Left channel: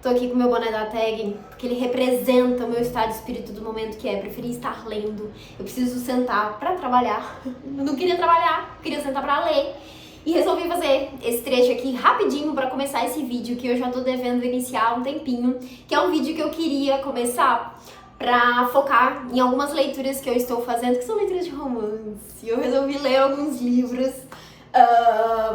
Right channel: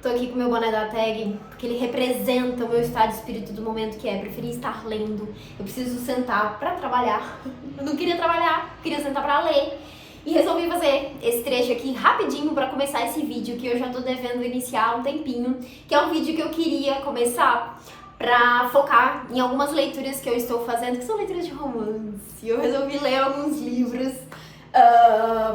Tô aqui com o meu boné da tag, porque ele representa o meu estado de espírito do momento, que é preferir estar lendo. Eu preciso sentar pra trabalhar. Eu não queria trabalhar, queria sentar pra ler. E resolvi fazer esse trecho aqui rapidinho pra começar esse vídeo, que eu já tô devendo iniciar há um tempinho, que é um vídeo que eu queria começar pra focar em algumas leituras que eu estou fazendo, que são leituras de romance. Eu resolvi ler alguns livros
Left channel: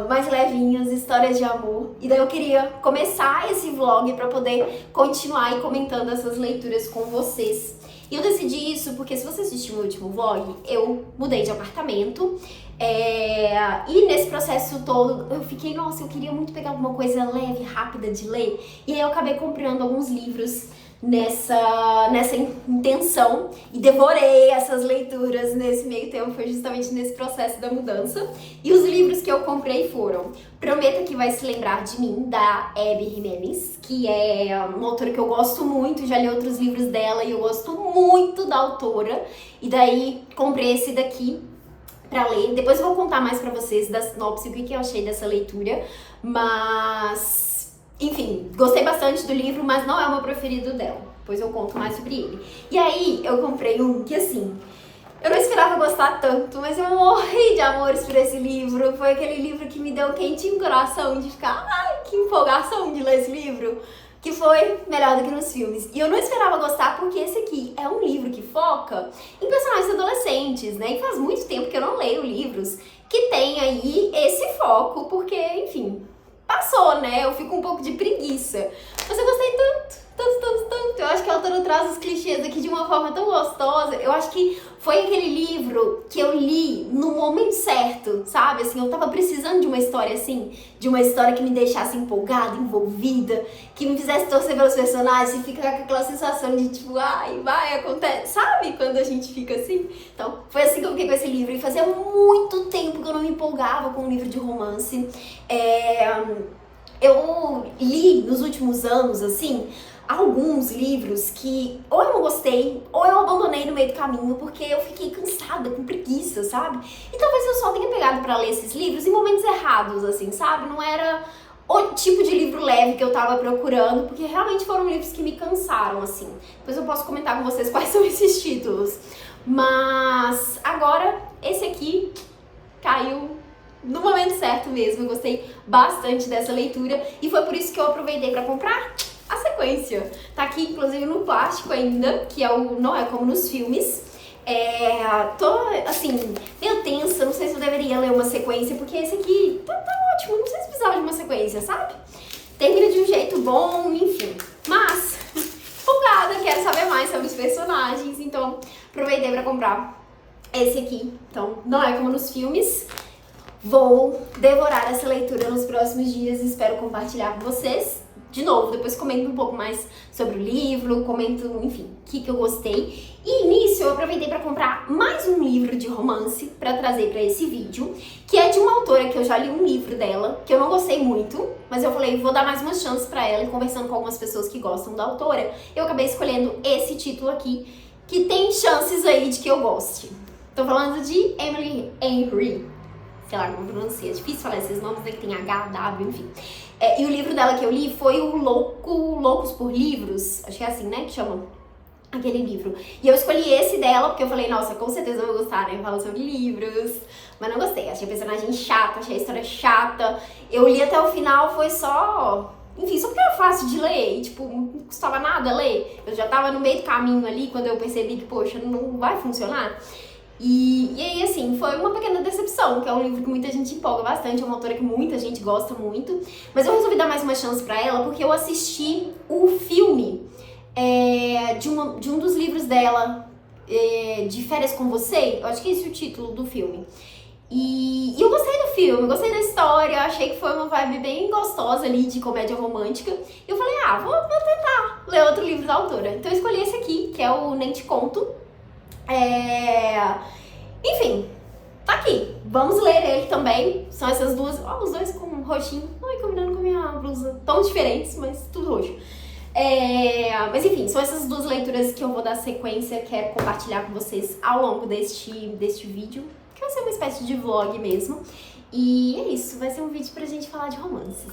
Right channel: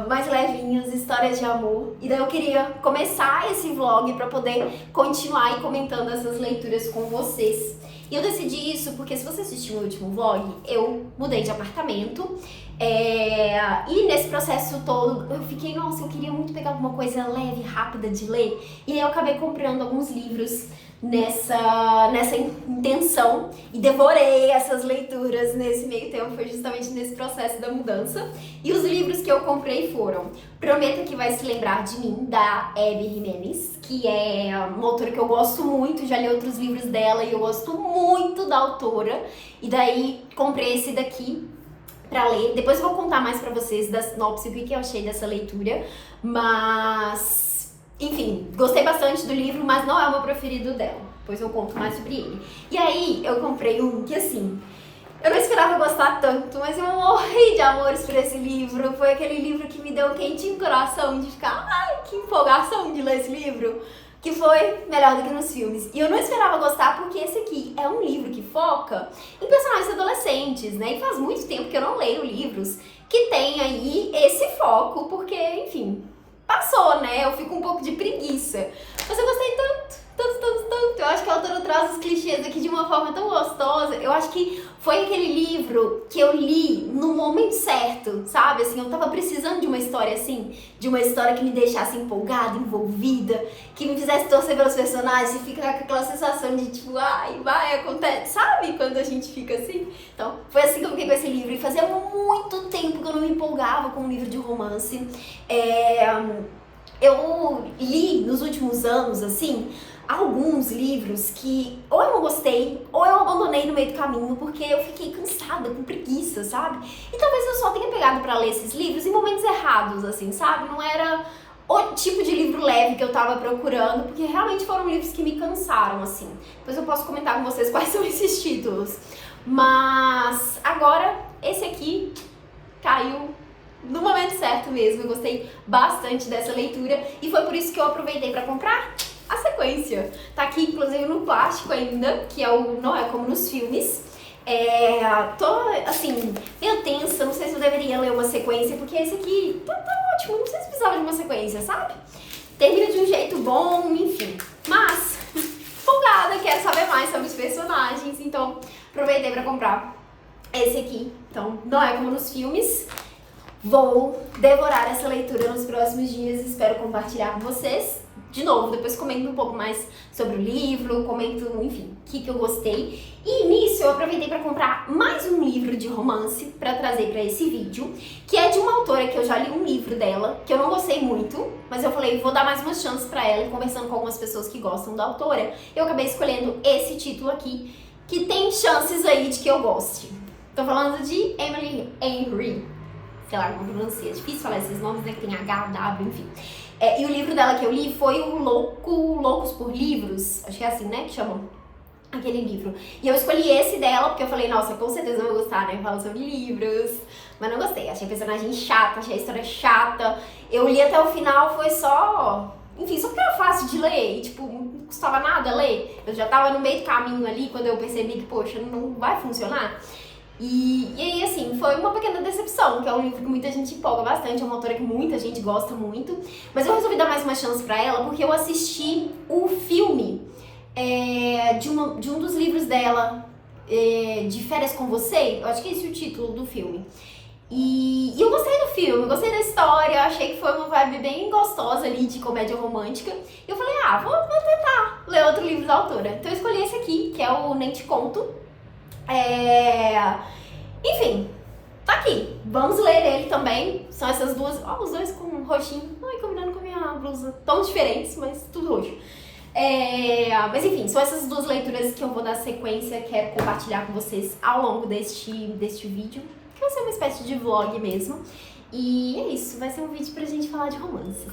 mais levinhos, histórias de amor. E daí eu queria começar esse vlog pra poder continuar e comentando essas leituras com vocês. E eu decidi isso porque, se você assistiu o meu último vlog, eu mudei de apartamento. E nesse processo todo eu fiquei, nossa, eu queria muito pegar alguma coisa leve, rápida de ler. E aí eu acabei comprando alguns livros nessa intenção e devorei essas leituras nesse meio tempo. Foi justamente nesse processo da mudança. E os livros que eu comprei foram Prometa que Vai Se Lembrar de Mim, da Abby Jimenez, que é uma autora que eu gosto muito, já li outros livros dela e eu gosto muito da autora. E daí comprei esse daqui pra ler. Depois eu vou contar mais pra vocês da sinopse, o que eu achei dessa leitura, mas enfim, gostei bastante do livro, mas não é o meu preferido dela. Depois eu conto mais sobre ele. E aí, eu comprei um que, assim, eu não esperava gostar tanto, mas eu morri de amores por esse livro. Foi aquele livro que me deu um quentinho no coração, de ficar, ai, que empolgação de ler esse livro, que foi melhor do que nos filmes. E eu não esperava gostar porque esse aqui é um livro que foca em personagens adolescentes, né? E faz muito tempo que eu não leio livros que tem aí esse foco, porque, enfim, passou, né? Eu fico um pouco de preguiça. Mas eu gostei tanto. Eu acho que a autora traz os clichês aqui de uma forma tão gostosa. Eu acho que foi aquele livro que eu li no momento certo, sabe? Assim, eu tava precisando de uma história assim, de uma história que me deixasse empolgada, envolvida, que me fizesse torcer pelos personagens e ficar com aquela sensação de tipo, ai, vai, acontece, sabe? Quando a gente fica assim. Então, foi assim que eu fiquei com esse livro. E fazia muito tempo que eu não me empolgava com um livro de romance. Eu li nos últimos anos, assim, alguns livros que ou eu não gostei, ou eu abandonei no meio do caminho, porque eu fiquei cansada, com preguiça, sabe? E talvez eu só tenha pegado pra ler esses livros em momentos errados, assim, sabe? Não era o tipo de livro leve que eu tava procurando, porque realmente foram livros que me cansaram, assim. Depois eu posso comentar com vocês quais são esses títulos. Mas agora, esse aqui caiu no momento certo mesmo. Eu gostei bastante dessa leitura e foi por isso que eu aproveitei pra comprar a sequência. Tá aqui, inclusive, no plástico ainda, que não é como nos filmes. Tô, assim, meio tensa, não sei se eu deveria ler uma sequência, porque esse aqui tá ótimo, não sei se precisava de uma sequência, sabe? Termina de um jeito bom, enfim. Mas, empolgada, quero saber mais sobre os personagens, então aproveitei pra comprar esse aqui. Então, não é como nos filmes. Vou devorar essa leitura nos próximos dias e espero compartilhar com vocês. De novo, depois comento um pouco mais sobre o livro, comento, enfim, o que eu gostei. E nisso eu aproveitei para comprar mais um livro de romance para trazer para esse vídeo, que é de uma autora que eu já li um livro dela, que eu não gostei muito, mas eu falei, vou dar mais uma chance para ela, e conversando com algumas pessoas que gostam da autora, eu acabei escolhendo esse título aqui, que tem chances aí de que eu goste. Tô falando de Emily Henry. Sei lá como pronuncia, é difícil falar esses nomes, né, que tem H, W, enfim. E o livro dela que eu li foi o Loucos por Livros, acho que é assim, né, que chamam aquele livro. E eu escolhi esse dela, porque eu falei, nossa, com certeza eu vou gostar, né, fala sobre livros. Mas não gostei, achei a personagem chata, achei a história chata. Eu li até o final, foi só... Enfim, só porque era fácil de ler, e, tipo, não custava nada ler. Eu já tava no meio do caminho ali, quando eu percebi que, poxa, não vai funcionar. E aí, assim, foi uma pequena decepção, que é um livro que muita gente empolga bastante, é uma autora que muita gente gosta muito. Mas eu resolvi dar mais uma chance pra ela, porque eu assisti o filme de um dos livros dela, de Férias com Você, eu acho que esse é o título do filme. E eu gostei do filme, eu gostei da história, achei que foi uma vibe bem gostosa ali, de comédia romântica. E eu falei, vou tentar ler outro livro da autora. Então eu escolhi esse aqui, que é o Nem Te Conto. Enfim, tá aqui. Vamos ler ele também. São essas duas. Os dois com um roxinho. Ai, combinando com a minha blusa. Tão diferentes, mas tudo roxo. Mas enfim, são essas duas leituras que eu vou dar sequência. Quero compartilhar com vocês ao longo deste vídeo, que vai ser uma espécie de vlog mesmo. E é isso, vai ser um vídeo pra gente falar de romances.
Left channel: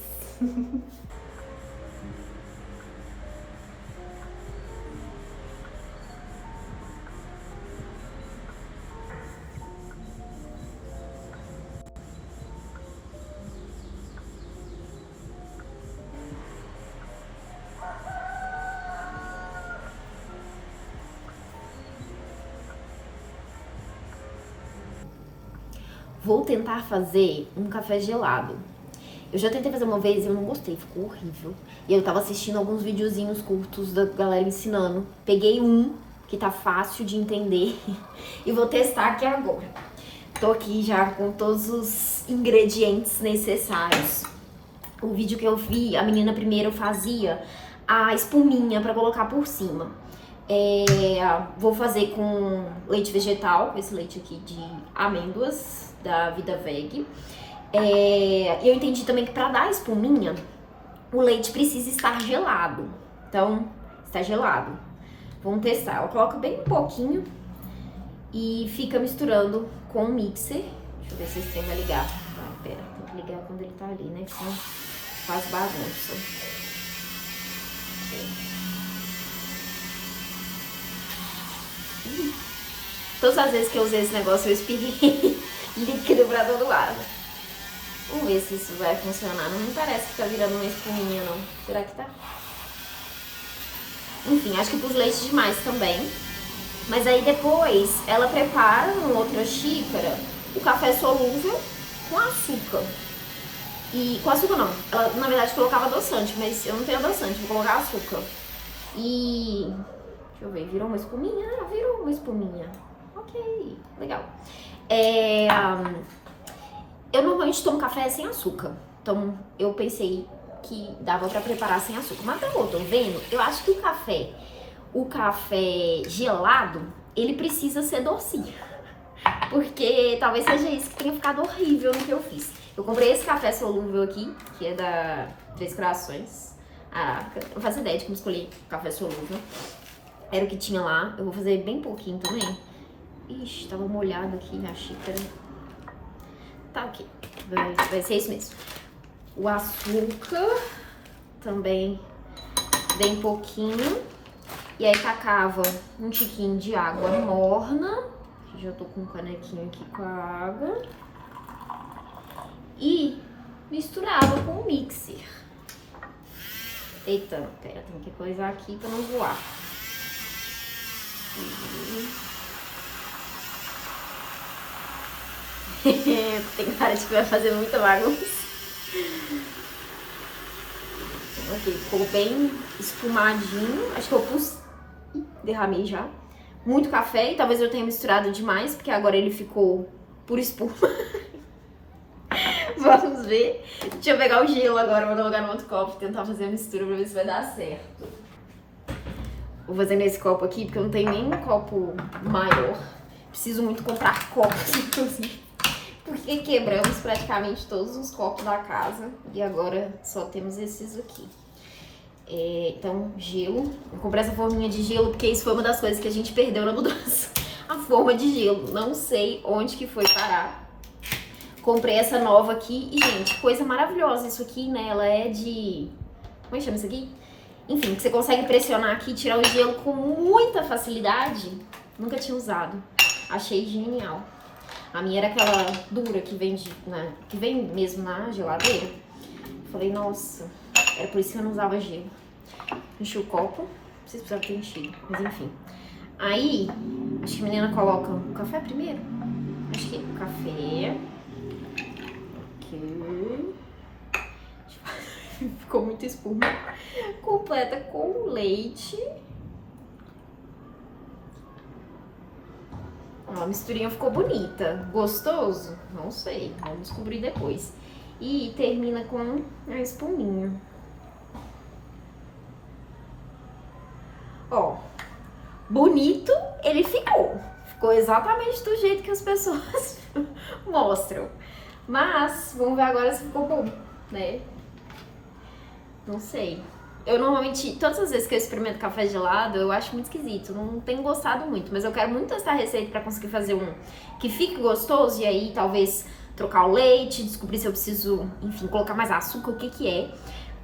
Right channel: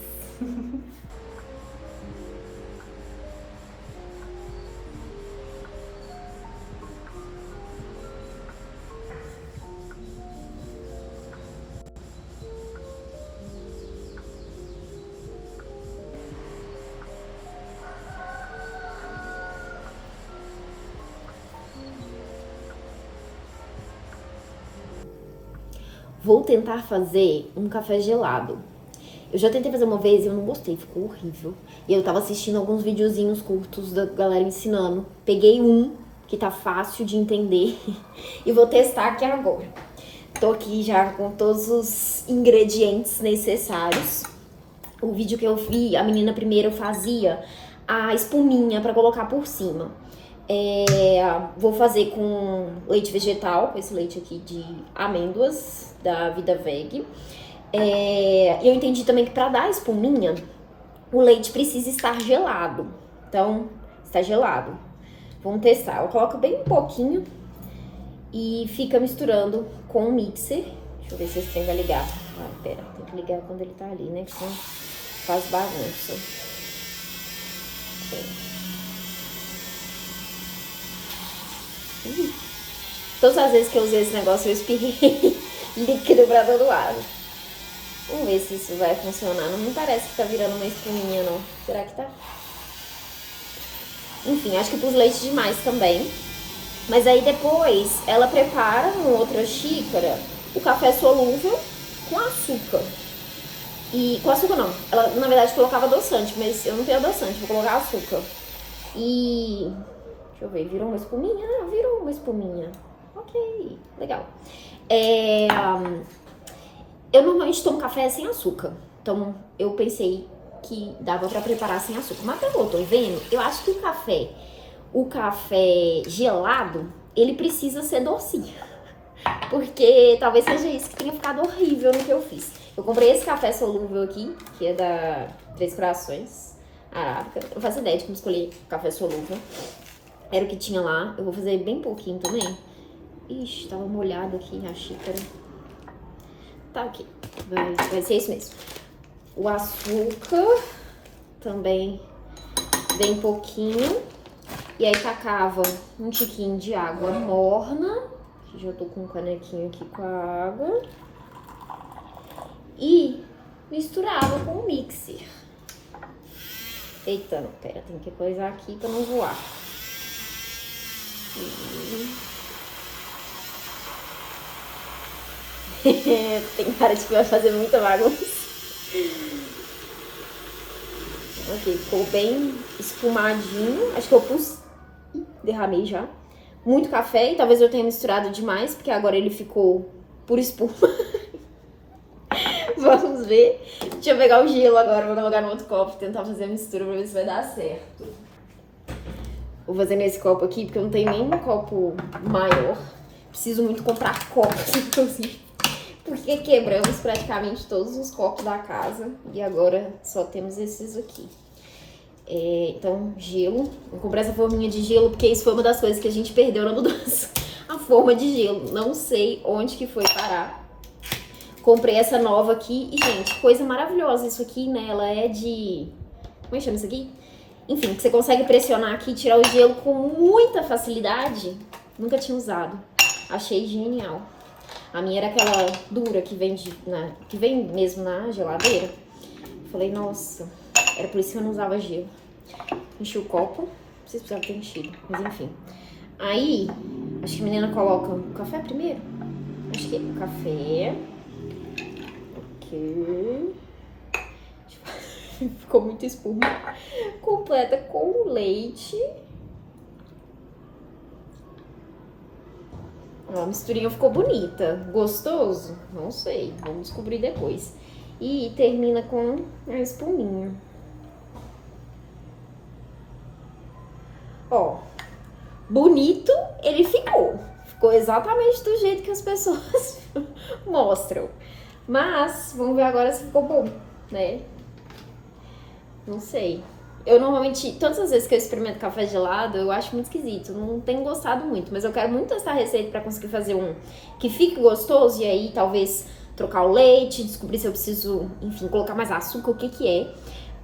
Vou tentar fazer um café gelado. Eu já tentei fazer uma vez e eu não gostei, ficou horrível. E eu tava assistindo alguns videozinhos curtos da galera ensinando. Peguei um que tá fácil de entender e vou testar aqui agora. Tô aqui já com todos os ingredientes necessários. O vídeo que eu vi, a menina primeiro fazia a espuminha pra colocar por cima. Vou fazer com leite vegetal, com esse leite aqui de amêndoas da Vida Veg. Eu entendi também que pra dar a espuminha, o leite precisa estar gelado. Então, está gelado. Vamos testar. Eu coloco bem um pouquinho e fica misturando com o mixer. Deixa eu ver se esse trem vai ligar. Ah, pera, tem que ligar quando ele tá ali, né? Que senão faz bagunça. Todas as vezes que eu usei esse negócio, eu espirrei líquido pra todo lado. Vamos ver se isso vai funcionar. Não me parece que tá virando uma espuminha, não. Será que tá? Enfim, acho que pus leite demais também. Mas aí depois ela prepara em outra xícara o café solúvel com açúcar. E com açúcar não. Ela, na verdade, colocava adoçante, mas eu não tenho adoçante, vou colocar açúcar. E... deixa eu ver, virou uma espuminha? Ah, virou uma espuminha. Ok, legal. Eu normalmente tomo café sem açúcar. Então, eu pensei que dava pra preparar sem açúcar. Mas pelo que eu tô vendo, eu acho que o café gelado, ele precisa ser docinho. Porque talvez seja isso que tenha ficado horrível no que eu fiz. Eu comprei esse café solúvel aqui, que é da Três Corações Arábica. Eu não faço ideia de como escolher café solúvel. Era o que tinha lá. Eu vou fazer bem pouquinho também. Ixi, tava molhado aqui a xícara. Tá ok. Vai ser isso mesmo. O açúcar também bem pouquinho. E aí tacava um tiquinho de água morna. Já tô com um canequinho aqui com a água. E misturava com o mixer. Eita, pera, tem que coisar aqui pra não voar. Tem cara de que vai fazer muita bagunça. Ok, ficou bem espumadinho. Acho que eu pus... derramei já. Muito café, e talvez eu tenha misturado demais, porque agora ele ficou por espuma. Vamos ver. Deixa eu pegar o gelo agora, vou colocar no outro copo e tentar fazer a mistura pra ver se vai dar certo. Vou fazer nesse copo aqui, porque eu não tenho nem um copo maior. Preciso muito comprar copos, inclusive. Porque quebramos praticamente todos os copos da casa. E agora só temos esses aqui. Então, gelo. Eu comprei essa forminha de gelo porque isso foi uma das coisas que a gente perdeu na mudança. A forma de gelo. Não sei onde que foi parar. Comprei essa nova aqui. E, gente, coisa maravilhosa isso aqui, né? Ela é de... como é que chama isso aqui? Enfim, que você consegue pressionar aqui e tirar o gelo com muita facilidade. Nunca tinha usado. Achei genial. A minha era aquela dura que vem, que vem mesmo na geladeira. Falei, nossa, era por isso que eu não usava gelo. Enchi o copo. Não sei se precisava ter enchido, mas enfim. Aí, acho que a menina coloca o café primeiro. Acho que é o café. Ok. Ficou muito espuma. Completa com o leite. Ó, a misturinha ficou bonita. Gostoso? Não sei. Vamos descobrir depois. E termina com a espuminha. Ó, bonito ele ficou. Ficou exatamente do jeito que as pessoas mostram. Mas, vamos ver agora se ficou bom, né? Não sei. Eu normalmente, todas as vezes que eu experimento café gelado, eu acho muito esquisito. Não tenho gostado muito, mas eu quero muito testar a receita pra conseguir fazer um que fique gostoso. E aí, talvez, trocar o leite, descobrir se eu preciso, enfim, colocar mais açúcar, o que que é.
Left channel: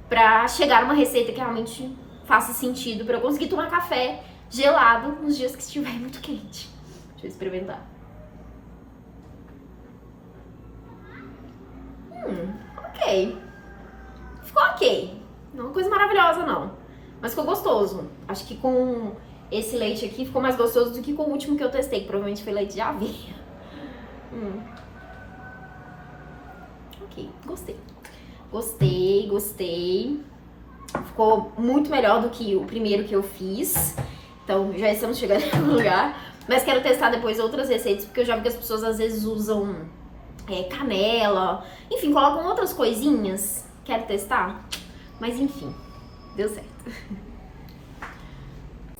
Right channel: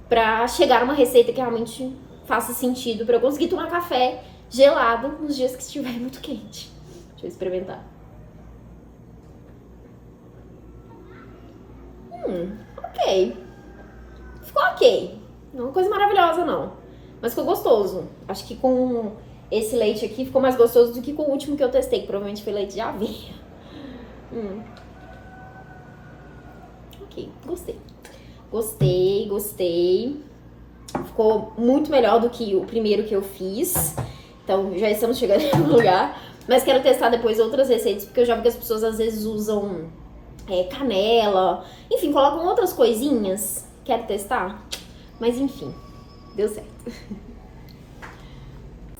Pra chegar a uma receita que realmente faça sentido pra eu conseguir tomar café gelado nos dias que estiver muito quente. Deixa eu experimentar. Ok. Ficou ok. Não é uma coisa maravilhosa, não. Mas ficou gostoso. Acho que com esse leite aqui ficou mais gostoso do que com o último que eu testei, que provavelmente foi leite de aveia. ok. Gostei. Ficou muito melhor do que o primeiro que eu fiz. Então, já estamos chegando no lugar. Mas quero testar depois outras receitas, porque eu já vi que as pessoas às vezes usam canela. Enfim, colocam outras coisinhas. Quero testar. Mas enfim, deu certo.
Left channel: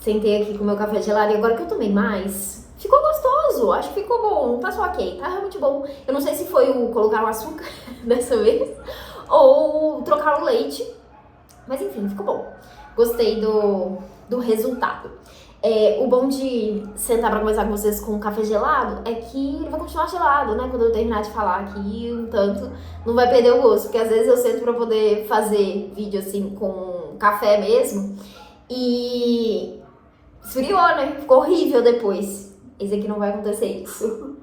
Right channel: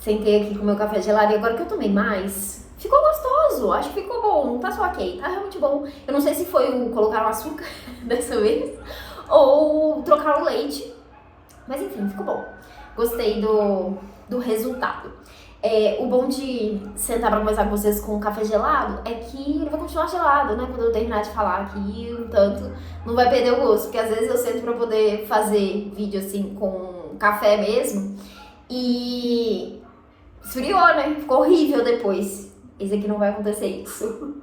Sentei aqui com o meu café gelado e agora que eu tomei mais, ficou gostoso. Acho que ficou bom. Não tá só ok, tá realmente bom. Eu não sei se foi o colocar o açúcar dessa vez ou trocar o leite. Mas enfim, ficou bom. Gostei do resultado. O bom de sentar pra conversar com vocês com um café gelado é que ele vai continuar gelado, né? Quando eu terminar de falar aqui, um tanto, não vai perder o gosto. Porque às vezes eu sento pra poder fazer vídeo assim com café mesmo e esfriou, né? Ficou horrível depois. Esse aqui não vai acontecer isso.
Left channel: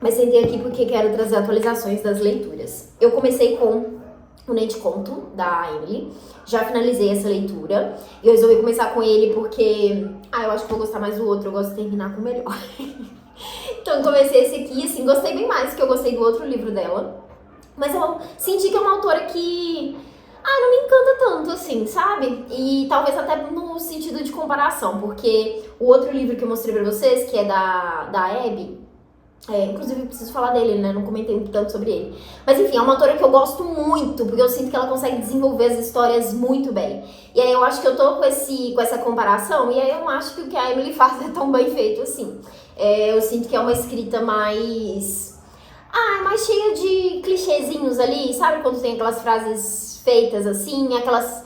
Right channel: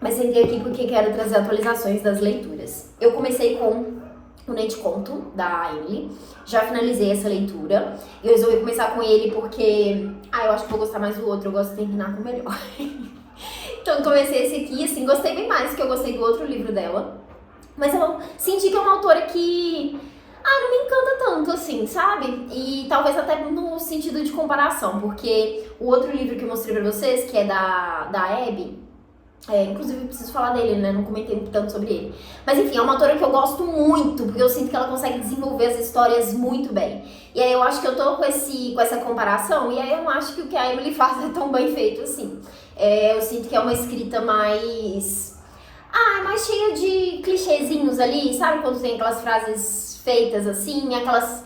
Mas sentei aqui porque quero trazer atualizações das leituras. Eu comecei com o Nem Te Conto, da Emily. Já finalizei essa leitura. Eu resolvi começar com ele porque... eu acho que vou gostar mais do outro. Eu gosto de terminar com o melhor. Então comecei esse aqui, assim, gostei bem mais do que eu gostei do outro livro dela. Mas eu senti que é uma autora que... não me encanta tanto, assim, sabe? E talvez até no sentido de comparação. Porque o outro livro que eu mostrei pra vocês, que é da Abby... inclusive eu preciso falar dele, né? Não comentei tanto sobre ele. Mas enfim, é uma autora que eu gosto muito, porque eu sinto que ela consegue desenvolver as histórias muito bem. E aí eu acho que eu tô com essa comparação, e aí eu não acho que o que a Emily faz é tão bem feito assim. Eu sinto que é uma escrita mais cheia de clichêzinhos ali, sabe? Quando tem aquelas frases feitas assim, aquelas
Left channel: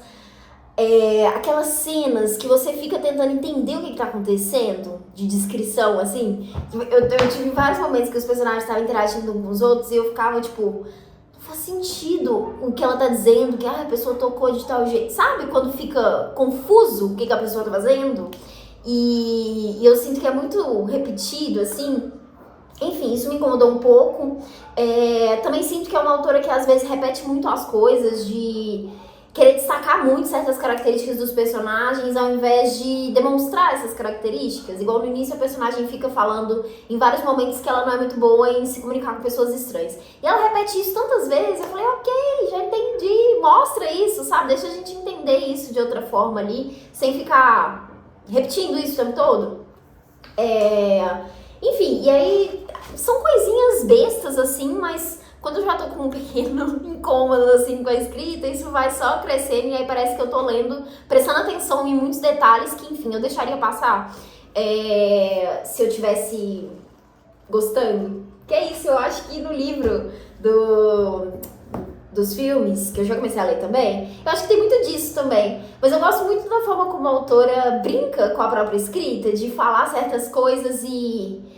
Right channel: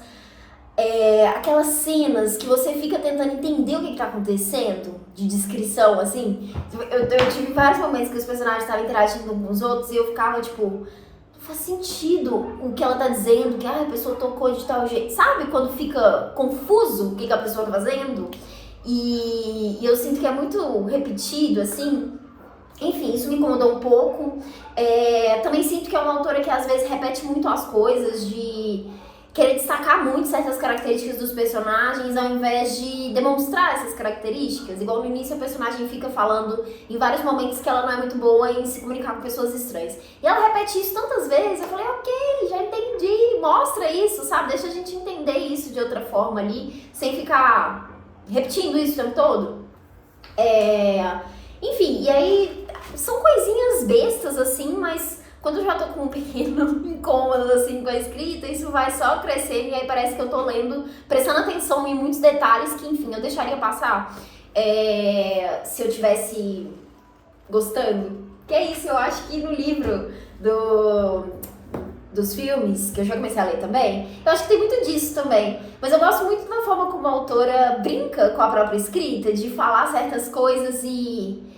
cenas que você fica tentando entender o que tá acontecendo, de descrição, assim. Eu tive vários momentos que os personagens estavam interagindo uns com os outros e eu ficava, tipo, não faz sentido o que ela tá dizendo, que a pessoa tocou de tal jeito. Sabe quando fica confuso o que a pessoa tá fazendo? E eu sinto que é muito repetido, assim. Enfim, isso me incomodou um pouco. Também sinto que é uma autora que às vezes repete muito as coisas, de querer destacar muito certas características dos personagens ao invés de demonstrar essas características. Igual no início a personagem fica falando em vários momentos que ela não é muito boa em se comunicar com pessoas estranhas. E ela repete isso tantas vezes, eu falei, ok, já entendi, mostra isso, sabe? Deixa a gente entender isso de outra forma ali, sem ficar repetindo isso o tempo todo. Enfim, e aí são coisinhas bestas assim, mas... Quando eu já tô com um pequeno incômodo, assim, com a escrita, isso vai só crescendo e aí parece que eu tô lendo, prestando atenção em muitos detalhes que, enfim, eu deixaria passar se eu tivesse gostando. Que é isso, eu acho que no livro dos filmes, que eu já comecei a ler também, eu acho que tem muito disso também. Mas eu gosto muito da forma como a autora brinca com a própria escrita, de falar certas coisas e...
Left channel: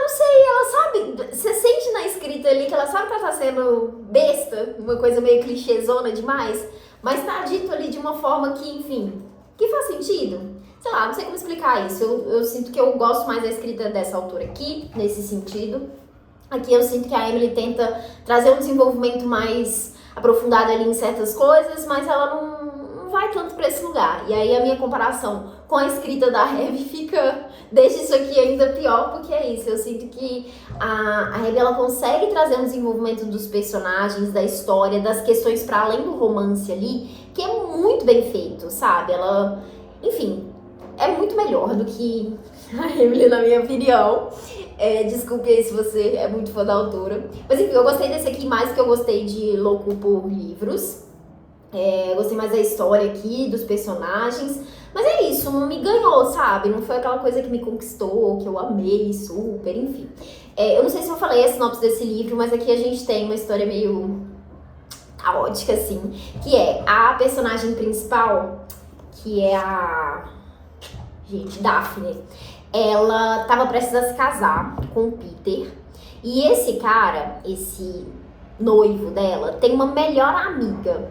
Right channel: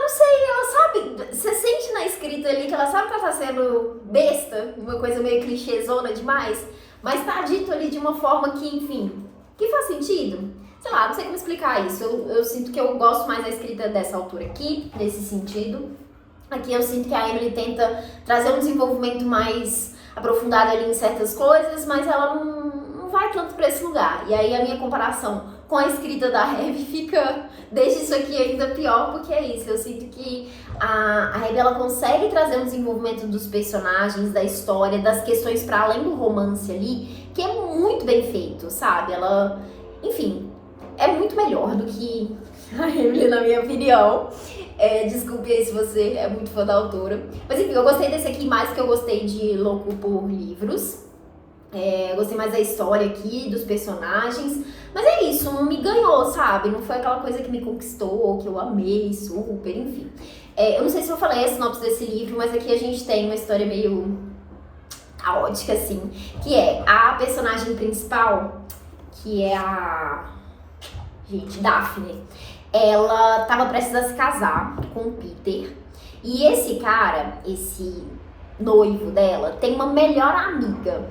não sei, ela sabe, você sente na escrita ali que ela sabe que ela tá sendo besta, uma coisa meio clichêzona demais, mas tá dito ali de uma forma que, enfim, que faz sentido. Sei lá, não sei como explicar isso, eu sinto que eu gosto mais da escrita dessa autora aqui, nesse sentido. Aqui eu sinto que a Emily tenta trazer um desenvolvimento mais aprofundado ali em certas coisas, mas ela não vai tanto pra esse lugar. E aí a minha comparação com a escrita da Abby deixa isso aqui ainda pior, porque é isso, eu sinto que a Abby, ela consegue trazer um desenvolvimento dos personagens, da história, das questões para além do romance ali, que é muito bem feito, sabe? Ela, enfim, é muito melhor do que a Emily, na minha opinião. Desculpe aí se você é muito fã da autora. Mas enfim, eu gostei desse aqui mais do que eu gostei de Louco por Livros. Eu gostei mais da história aqui, dos personagens. Mas é isso, não me ganhou, sabe? Não foi aquela coisa que me conquistou, que eu amei super, enfim. Eu não sei se eu falei a sinopse desse livro, mas aqui a gente tem uma história meio caótica, assim. Que é a personagem principal, que é a... Daphne. Ela tava prestes a se casar com o Peter. E esse cara, esse noivo dela, tem uma melhor amiga,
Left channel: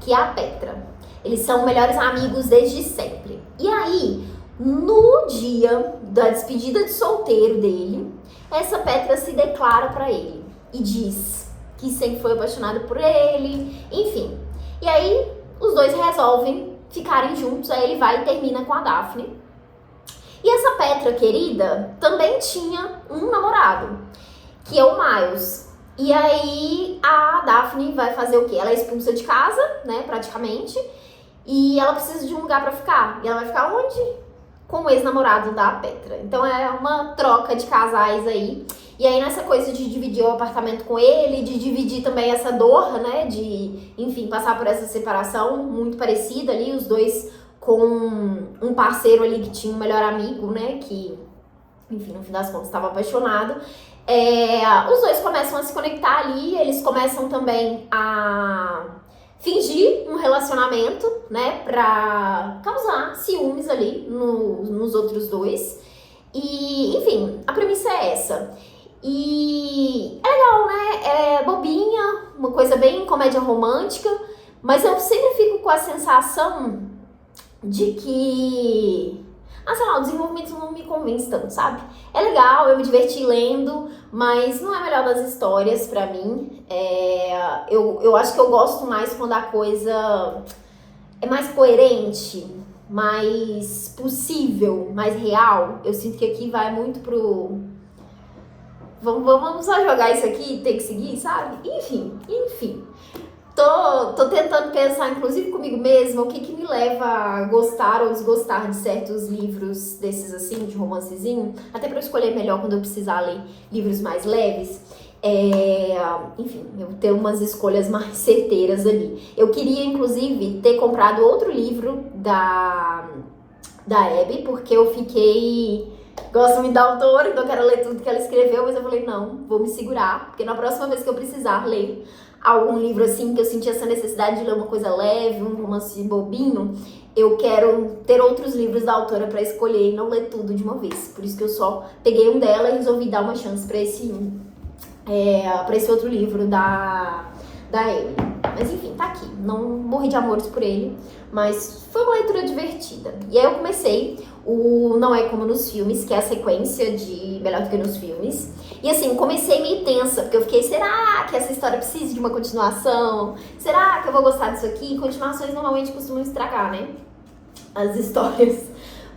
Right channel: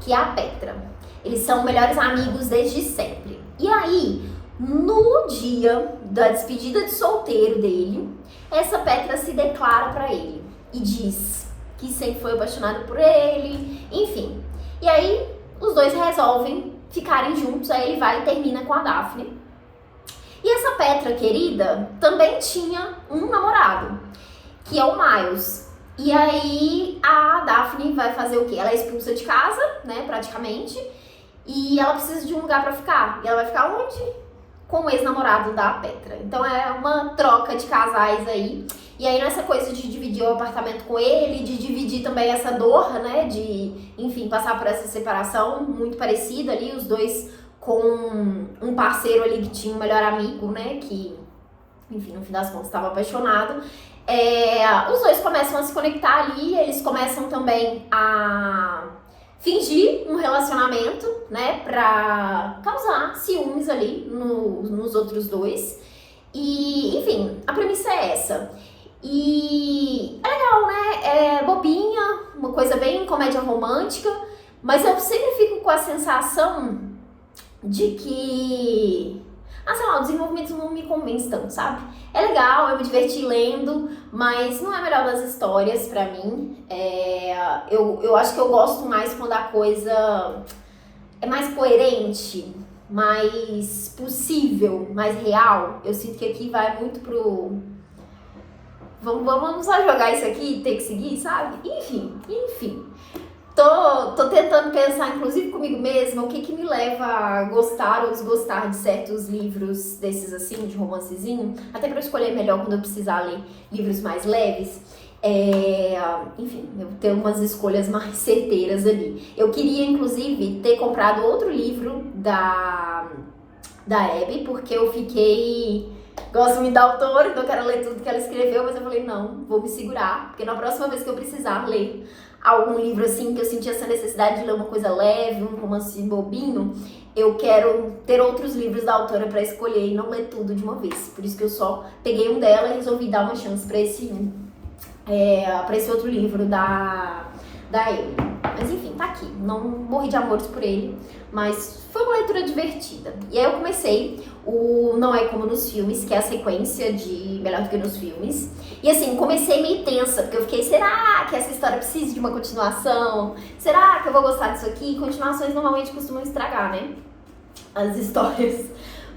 que é a Petra. Eles são melhores amigos desde sempre. E aí, no dia da despedida de solteiro dele, essa Petra se declara pra ele e diz que sempre foi apaixonada por ele, enfim. E aí, os dois resolvem ficarem juntos, aí ele vai e termina com a Daphne. E essa Petra querida também tinha um namorado, que é o Miles. E aí a Daphne vai fazer o quê? Ela é expulsa de casa, né, praticamente, e ela precisa de um lugar pra ficar. E ela vai ficar onde? Com o ex-namorado da Petra. Então é uma troca de casais aí. E aí nessa coisa de dividir o apartamento com ele, de dividir também essa dor, né, de, enfim, passar por essa separação muito parecida ali, os dois com um parceiro ali que tinha um melhor amigo, né, que, enfim, no fim das contas estava apaixonado. Os dois começam a se conectar ali, eles começam também a fingir um relacionamento, né, pra causar ciúmes ali nos outros dois. E, enfim, a premissa é essa. E é legal, né, é bobinha, uma coisa bem comédia romântica, mas eu sempre fico com a sensação de que, sei lá, o desenvolvimento não me convence tanto, sabe? É legal, eu me diverti lendo, mas não é a melhor das histórias pra mim. Eu acho que eu gosto mais quando a coisa é mais coerente, mais possível, mais real. Eu sinto que aqui vai muito pro... Vamos só jogar isso aqui e ter que seguir, sabe? Enfim. Tô tentando pensar, inclusive comigo mesma, o que me leva a gostar ou desgostar de certos livros desses assim, de romancezinho, até pra eu escolher melhor quando eu precisar ler livros mais leves. Enfim, eu tenho umas escolhas mais certeiras ali. Eu queria, inclusive, ter comprado outro livro da Abby, porque eu fiquei... Gosto muito da autora, então eu quero ler tudo que ela escreveu, mas eu falei, não, vou me segurar, porque na próxima vez que eu precisar ler algum livro assim, que eu senti essa necessidade de ler uma coisa leve, um romance bobinho, eu quero ter outros livros da autora pra escolher e não ler tudo de uma vez. Por isso que eu só peguei um dela e resolvi dar uma chance pra esse outro livro da Emily. Mas enfim, tá aqui. Não morri de amores por ele, mas foi uma leitura divertida. E aí eu comecei o Não É Como Nos Filmes, que é a sequência de Melhor do que Nos Filmes. E assim, comecei meio tensa, porque eu fiquei, será que essa história precisa de uma continuação? Será que eu vou gostar disso aqui? Continuações normalmente costumam estragar, né, as histórias.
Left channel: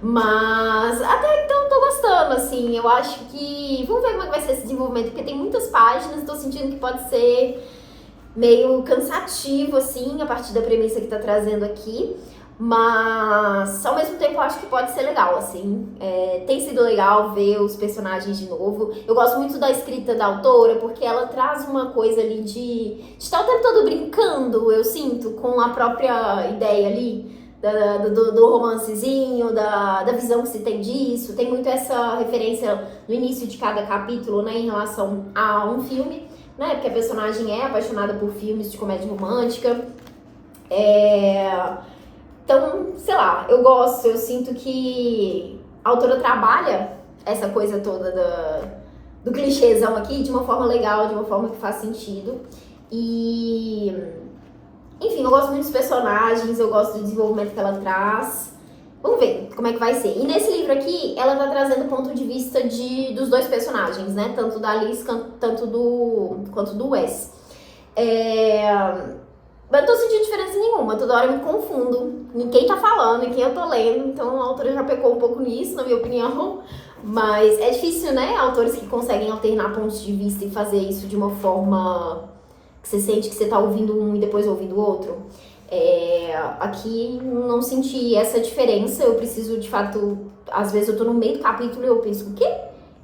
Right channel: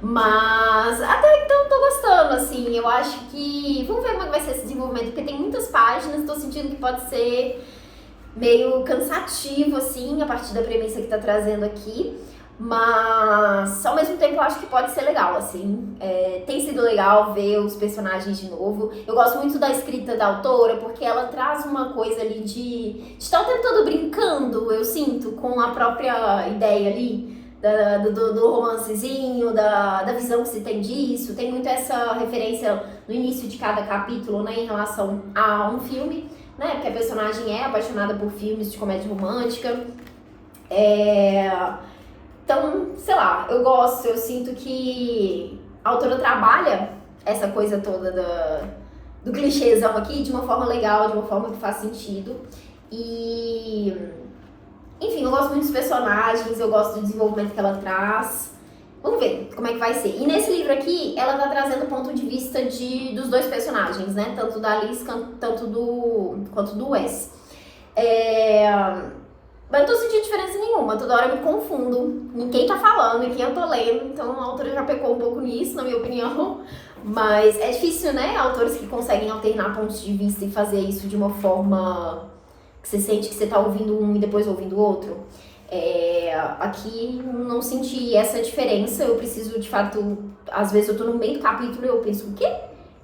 Mas até então tô gostando, assim, eu acho que... Vamos ver como é que vai ser esse desenvolvimento, porque tem muitas páginas, tô sentindo que pode ser meio cansativo, assim, a partir da premissa que tá trazendo aqui. Mas, ao mesmo tempo, eu acho que pode ser legal, assim. Tem sido legal ver os personagens de novo. Eu gosto muito da escrita da autora, porque ela traz uma coisa ali de estar o tempo todo brincando, eu sinto, com a própria ideia ali do romancezinho, da visão que se tem disso. Tem muito essa referência no início de cada capítulo, né, em relação a um filme, né, porque a personagem é apaixonada por filmes de comédia romântica. Então, sei lá, eu gosto, eu sinto que a autora trabalha essa coisa toda do clichêzão aqui de uma forma legal, de uma forma que faz sentido. E, enfim, eu gosto muito dos personagens, eu gosto do desenvolvimento que ela traz. Vamos ver como é que vai ser. E nesse livro aqui, ela tá trazendo o ponto de vista dos dois personagens, né? Tanto da Alice quanto do Wes. Mas não tô sentindo diferença nenhuma, toda hora eu me confundo em quem tá falando, em quem eu tô lendo, então a autora já pecou um pouco nisso, na minha opinião. Mas é difícil, né? Autores que conseguem alternar pontos de vista e fazer isso de uma forma que você sente que você tá ouvindo um e depois ouvindo o outro. Aqui não senti essa diferença, eu preciso de fato, às vezes eu tô no meio do capítulo e eu penso, o quê?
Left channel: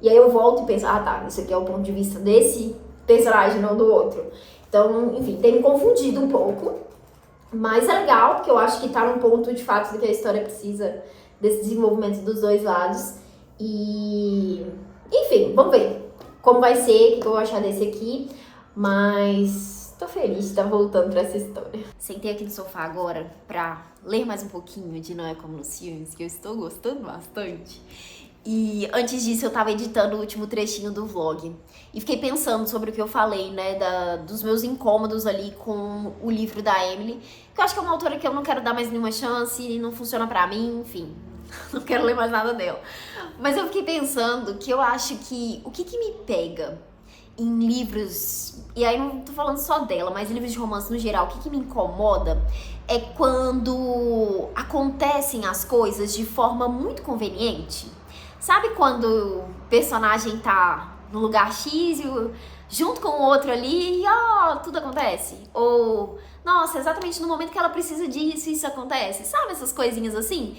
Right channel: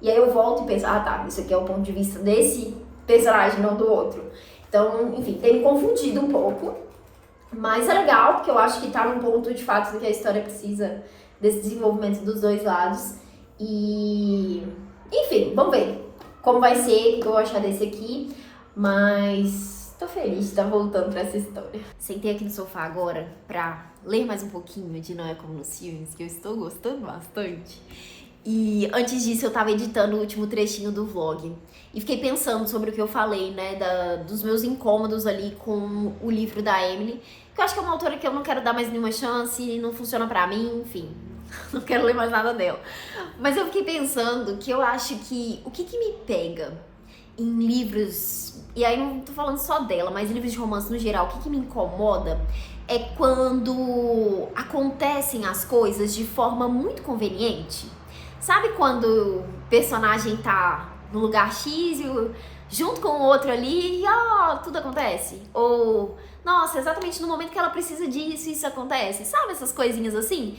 E aí eu volto e penso, tá, isso aqui é o ponto de vista desse personagem, não do outro. Então, enfim, tem me confundido um pouco, mas é legal, porque eu acho que tá num ponto de fato que a história precisa desse desenvolvimento dos dois lados. E, enfim, vamos ver como vai ser, o que eu vou achar desse aqui, mas tô feliz de estar voltando pra essa história. Sentei aqui no sofá agora pra ler mais um pouquinho de Não É Como Nos Filmes, que eu estou gostando bastante. E antes disso eu tava editando o último trechinho do vlog. E fiquei pensando sobre o que eu falei, né, dos meus incômodos ali com o livro da Emily. Que eu acho que é uma autora que eu não quero dar mais nenhuma chance, não funciona pra mim, enfim. Não quero ler mais nada dela. Mas eu fiquei pensando que eu acho que o que me pega em livros, e aí não tô falando só dela, mas livros de romance no geral, o que me incomoda é quando acontecem as coisas de forma muito conveniente. Sabe quando o personagem tá no lugar X e junto com o outro ali e ó, tudo acontece. Ou, nossa, exatamente no momento que ela precisa disso, isso acontece. Sabe essas coisinhas assim?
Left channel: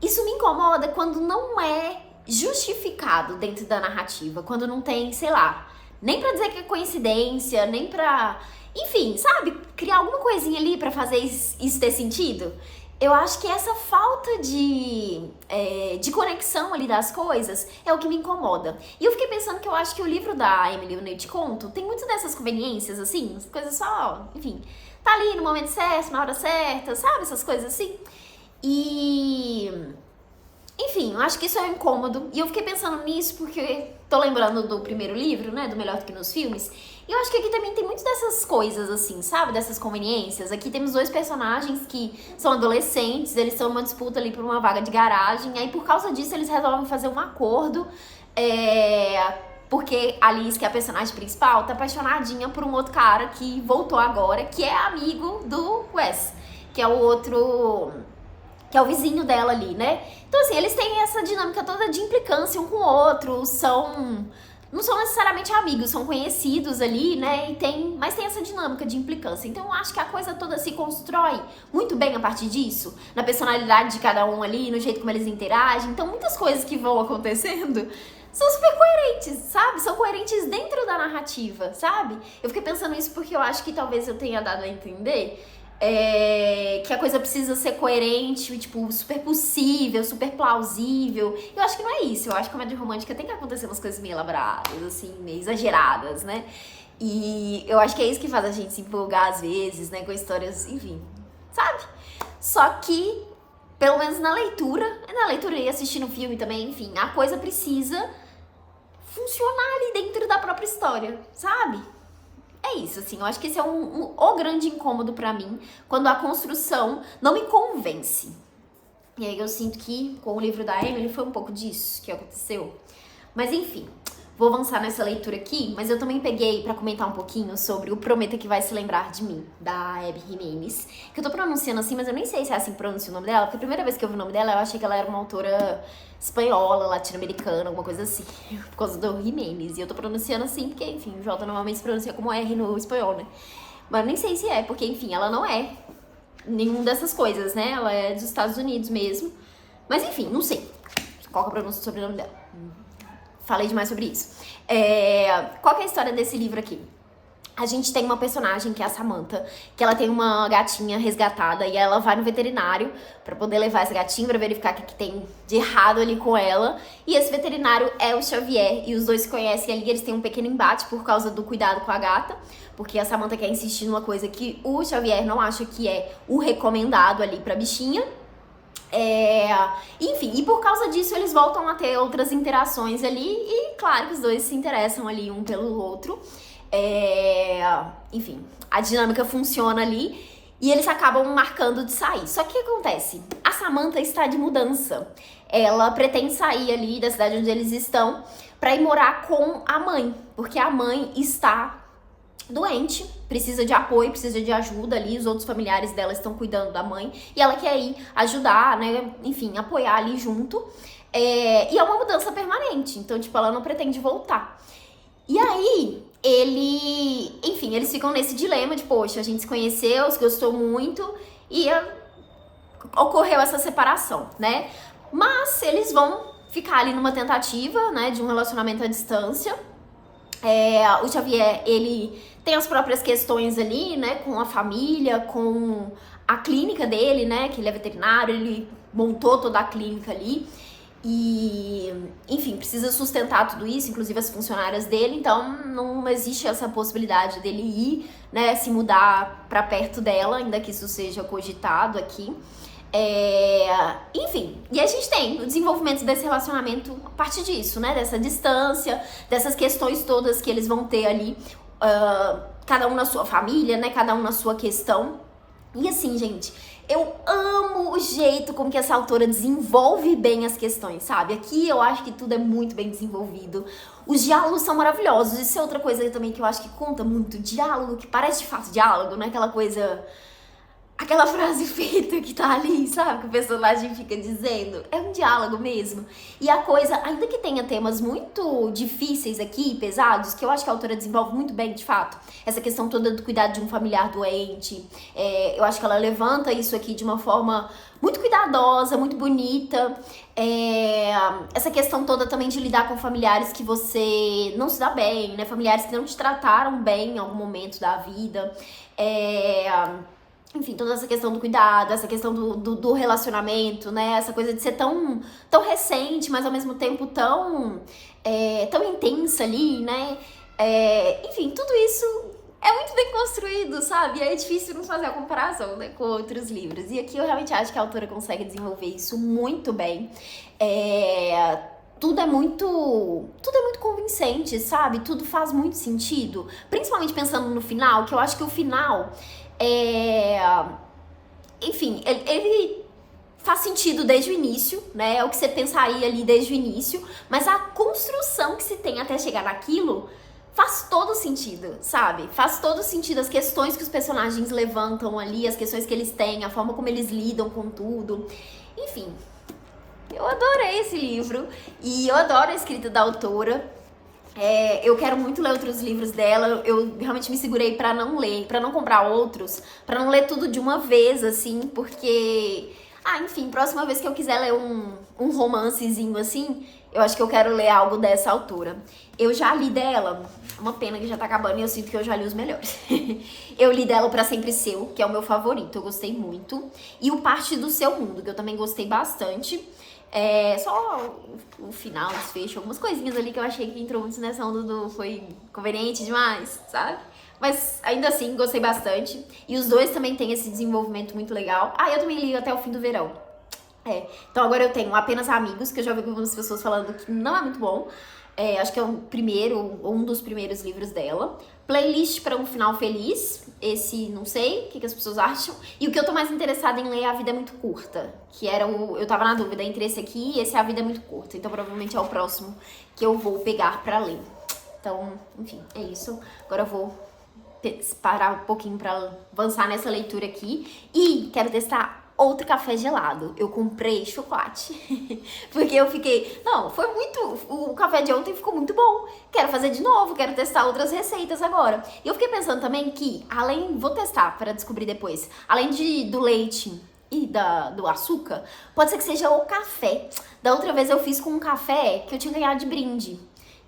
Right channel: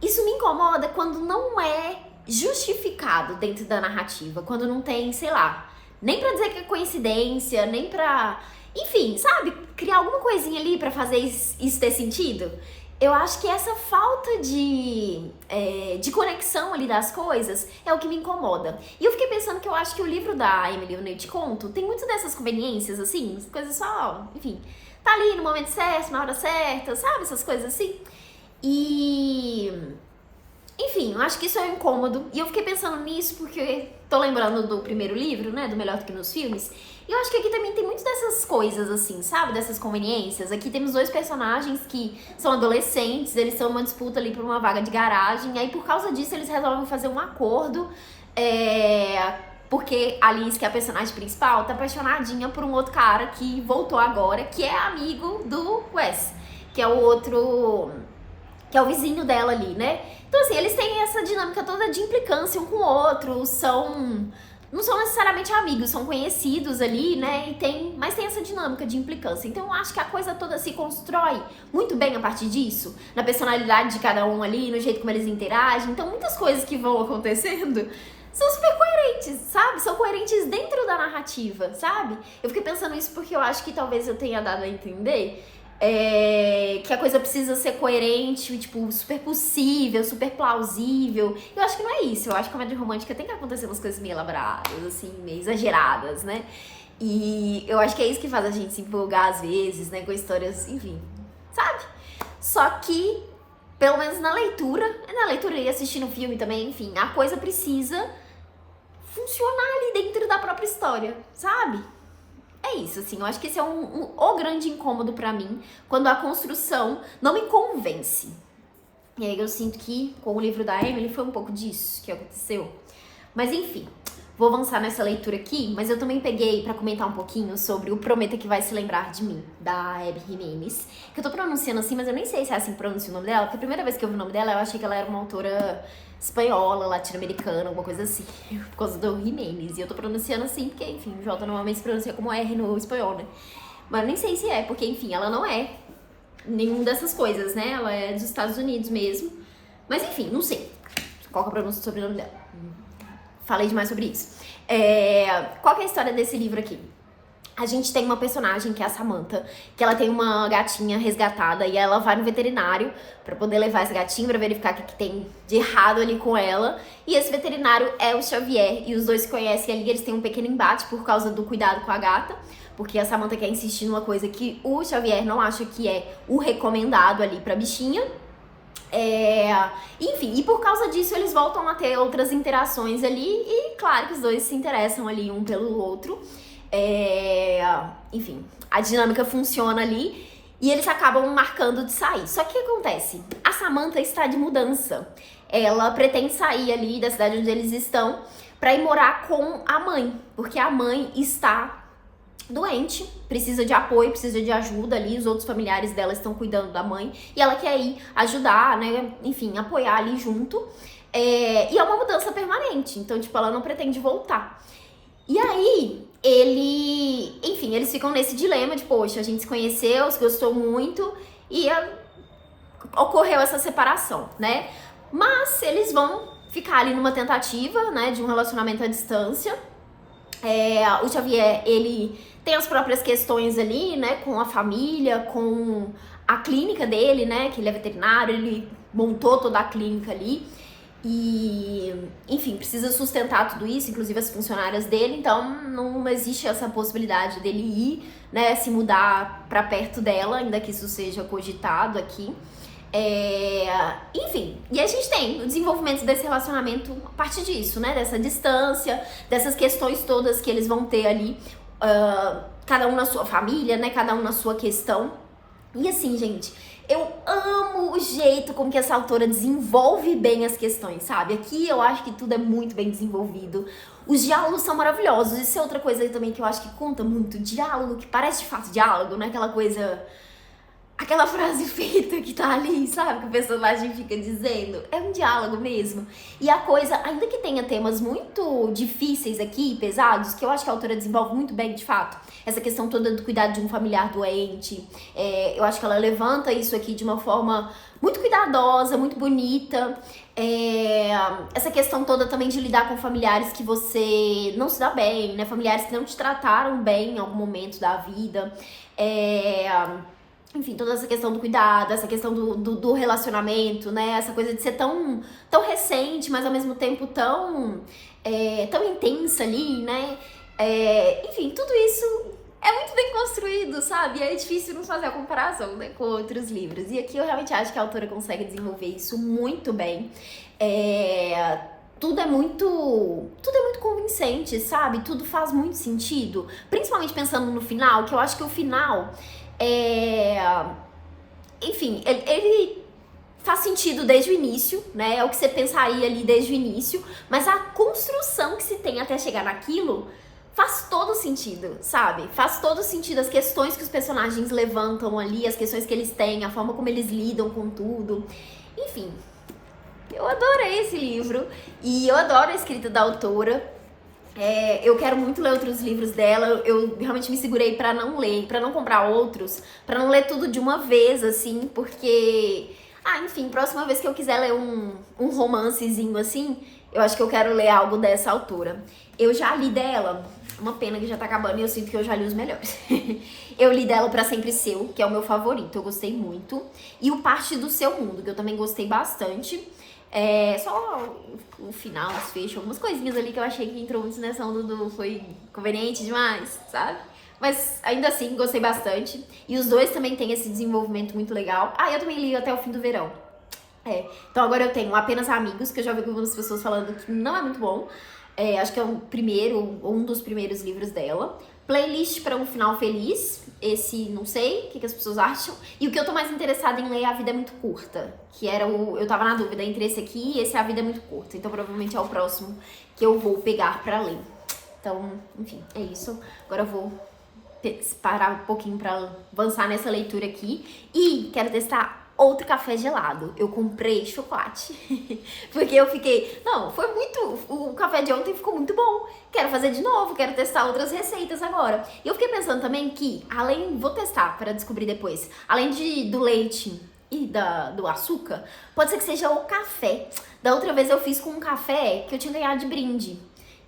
Isso me incomoda quando não é justificado dentro da narrativa, quando não tem, sei lá, nem pra dizer que é coincidência, nem pra... Enfim, sabe? Criar alguma coisinha ali pra fazer isso ter sentido. Eu acho que essa falta de conexão ali das coisas é o que me incomoda. E eu fiquei pensando que eu acho que o livro da Emily, Eu Te Conto, tem muitas dessas conveniências, assim, coisas só, enfim, tá ali no momento certo, na hora certa, sabe? Essas coisas assim. E... Enfim, eu acho que isso é um incômodo. E eu fiquei pensando nisso porque tô lembrando do primeiro livro, né? Do Melhor do que nos Filmes. E eu acho que aqui também tem muitas dessas coisas, assim, sabe? Dessas conveniências. Aqui temos dois personagens que são adolescentes, eles estão numa disputa ali por uma vaga de garagem. Aí, por causa disso, eles resolvem fazer um acordo. Porque a Liz, que é a personagem principal, tá apaixonadinha por um outro cara que voltou agora, que é amigo do Wes, que é o outro... que é o vizinho dela ali, né? Então, assim, eles têm essa dinâmica toda de implicância um com o outro, não são necessariamente amigos, são conhecidos ali, né? Mas tem essa dinâmica de implicância. Então, eu acho que a coisa toda se constrói muito bem a partir disso, na personalidade de cada um ali, no jeito como eles interagem. Então, muitas coisas que vão acontecendo são super coerentes, sabe? São coerentes dentro da narrativa, sabe? Eu fiquei pensando isso porque eu acho que talvez eu tenha dado a entender que a coisa precisa ser coerente, tipo, super possível, super plausível. Eu acho que não é isso. Eu acho que a comédia romântica tem que acontecer umas coisas meio elaboradas, assim, meio exageradas, né? E eu acho que é isso que faz a gente se empolgar às vezes, né? Com histórias, enfim, sabe? Só que, pelo menos na leitura e assistindo o filme também, enfim, a coisa precisa funcionar ali dentro da própria história, sabe? É isso, assim, eu acho que esse é o grande incômodo pra mim, quando a construção não me convence. E aí eu sinto que com o livro da Emily foi um pouco disso que aconteceu. Mas enfim, vou avançar nessa leitura aqui, mas eu também peguei pra comentar um pouquinho sobre o Prometa que Vai Se Lembrar de Mim, da Abby Jimenez, que eu tô pronunciando assim, mas eu nem sei se é assim que pronuncia o nome dela, porque a primeira vez que eu vi o nome dela, eu achei que ela era uma autora espanhola, latino-americana, alguma coisa assim, por causa do Jimenez. E eu tô pronunciando assim, porque, enfim, o J normalmente se pronuncia como R no espanhol, né? Mas nem sei se é, porque, enfim, ela não é nenhuma dessas coisas, né? Ela é dos Estados Unidos mesmo. Mas, enfim, não sei qual que é a pronúncia do sobrenome dela. Falei demais sobre isso. Qual que é a história desse livro aqui? A gente tem uma personagem que é a Samantha, que ela tem uma gatinha resgatada e ela vai no veterinário pra poder levar essa gatinha pra verificar o que tem de errado ali com ela. E esse veterinário é o Xavier e os dois se conhecem ali, eles têm um pequeno embate por causa do cuidado com a gata, porque a Samantha quer insistir numa coisa que o Xavier não acha que é o recomendado ali pra bichinha. Enfim, e por causa disso eles voltam a ter outras interações ali e claro que os dois se interessam ali um pelo outro. Enfim, a dinâmica funciona ali e eles acabam marcando de sair. Só que o que acontece? A Samantha está de mudança. Ela pretende sair ali da cidade onde eles estão pra ir morar com a mãe, porque a mãe está doente, precisa de apoio, precisa de ajuda ali, os outros familiares dela estão cuidando da mãe e ela quer ir ajudar, né, enfim, apoiar ali junto. E é uma mudança permanente, então, tipo, ela não pretende voltar. E aí, eles ficam nesse dilema de, poxa, a gente se conheceu, se gostou muito e ocorreu essa separação, né? Mas eles vão ficar ali numa tentativa, né, de um relacionamento à distância. O Xavier, ele tem as próprias questões ali, né, com a família, com a clínica dele, né, que ele é veterinário, ele montou toda a clínica ali. E, enfim, precisa sustentar tudo isso, inclusive as funcionárias dele, então não existe essa possibilidade dele ir, né, se mudar pra perto dela, ainda que isso seja cogitado aqui. Enfim, e a gente tem o desenvolvimento desse relacionamento a partir disso, né, dessa distância, dessas questões todas que eles vão ter ali, cada um na sua família, né, cada um na sua questão. E assim, gente, eu amo o jeito como que essa autora desenvolve bem as questões, sabe? Aqui eu acho que tudo é muito bem desenvolvido. Os diálogos são maravilhosos. Isso é outra coisa também que eu acho que conta muito. Diálogo que parece de fato diálogo, né? Aquela coisa aquela frase feita que tá ali, sabe? Que o personagem fica dizendo. É um diálogo mesmo. E a coisa, ainda que tenha temas muito difíceis aqui, pesados, que eu acho que a autora desenvolve muito bem, de fato. Essa questão toda do cuidado de um familiar doente. Eu acho que ela levanta isso aqui de uma forma muito cuidadosa, muito bonita. Essa questão toda também de lidar com familiares que você não se dá bem, né? Familiares que não te trataram bem em algum momento da vida. Enfim, toda essa questão do cuidado, essa questão do relacionamento, né? Essa coisa de ser tão recente, mas ao mesmo tempo tão intensa ali, né? Enfim, tudo isso é muito bem construído, sabe? E é difícil não fazer a comparação, né, com outros livros. E aqui eu realmente acho que a autora consegue desenvolver isso muito bem. Tudo é muito convincente, sabe? Tudo faz muito sentido. Principalmente pensando no final, que eu acho que o final enfim, ele faz sentido desde o início, né? É o que você pensaria ali desde o início, mas a construção que se tem até chegar naquilo faz todo sentido, sabe? Faz todo sentido as questões que os personagens levantam ali, as questões que eles têm, a forma como eles lidam com tudo. Enfim, eu adorei esse livro e eu adoro a escrita da autora. Eu quero muito ler outros livros dela. Eu realmente me segurei pra não ler, pra não comprar outros, pra não ler tudo de uma vez, assim, porque... enfim, próxima vez que eu quiser ler um romancezinho assim, eu acho que eu quero ler algo dessa autora. Eu já li dela, uma pena que já tá acabando e eu sinto que eu já li os melhores. Eu li dela o Pra Sempre Seu, que é o meu favorito, eu gostei muito. E o Parte do Seu Mundo, que eu também gostei bastante. Só o final, o desfecho, algumas coisinhas ali que eu achei que entrou muito nessa onda foi conveniente demais, sabe? Mas ainda assim, gostei bastante. E os dois também têm esse desenvolvimento muito legal. Eu também li Até o Fim do Verão. Então agora eu tenho Apenas Amigos, que eu já vi algumas pessoas falando que não é muito bom. Acho que é um dos primeiros livros dela. Playlist para um Final Feliz. Esse, não sei, o que as pessoas acham. E o que eu tô mais interessada em ler é A Vida é Muito Curta. Que era eu tava na dúvida entre esse aqui e esse A Vida é Muito Curta. Então provavelmente é o próximo que eu vou pegar pra ler. Então, enfim, é isso. Agora eu vou parar um pouquinho pra avançar nessa leitura aqui. E quero testar outro café gelado. Eu comprei chocolate. Porque eu fiquei... Não, foi muito... O café de ontem ficou muito bom. Quero fazer de novo, quero testar outras receitas agora. E eu fiquei pensando também que, vou testar para descobrir depois. Além do leite e do açúcar, pode ser que seja o café. Da outra vez eu fiz com um café que eu tinha ganhado de brinde.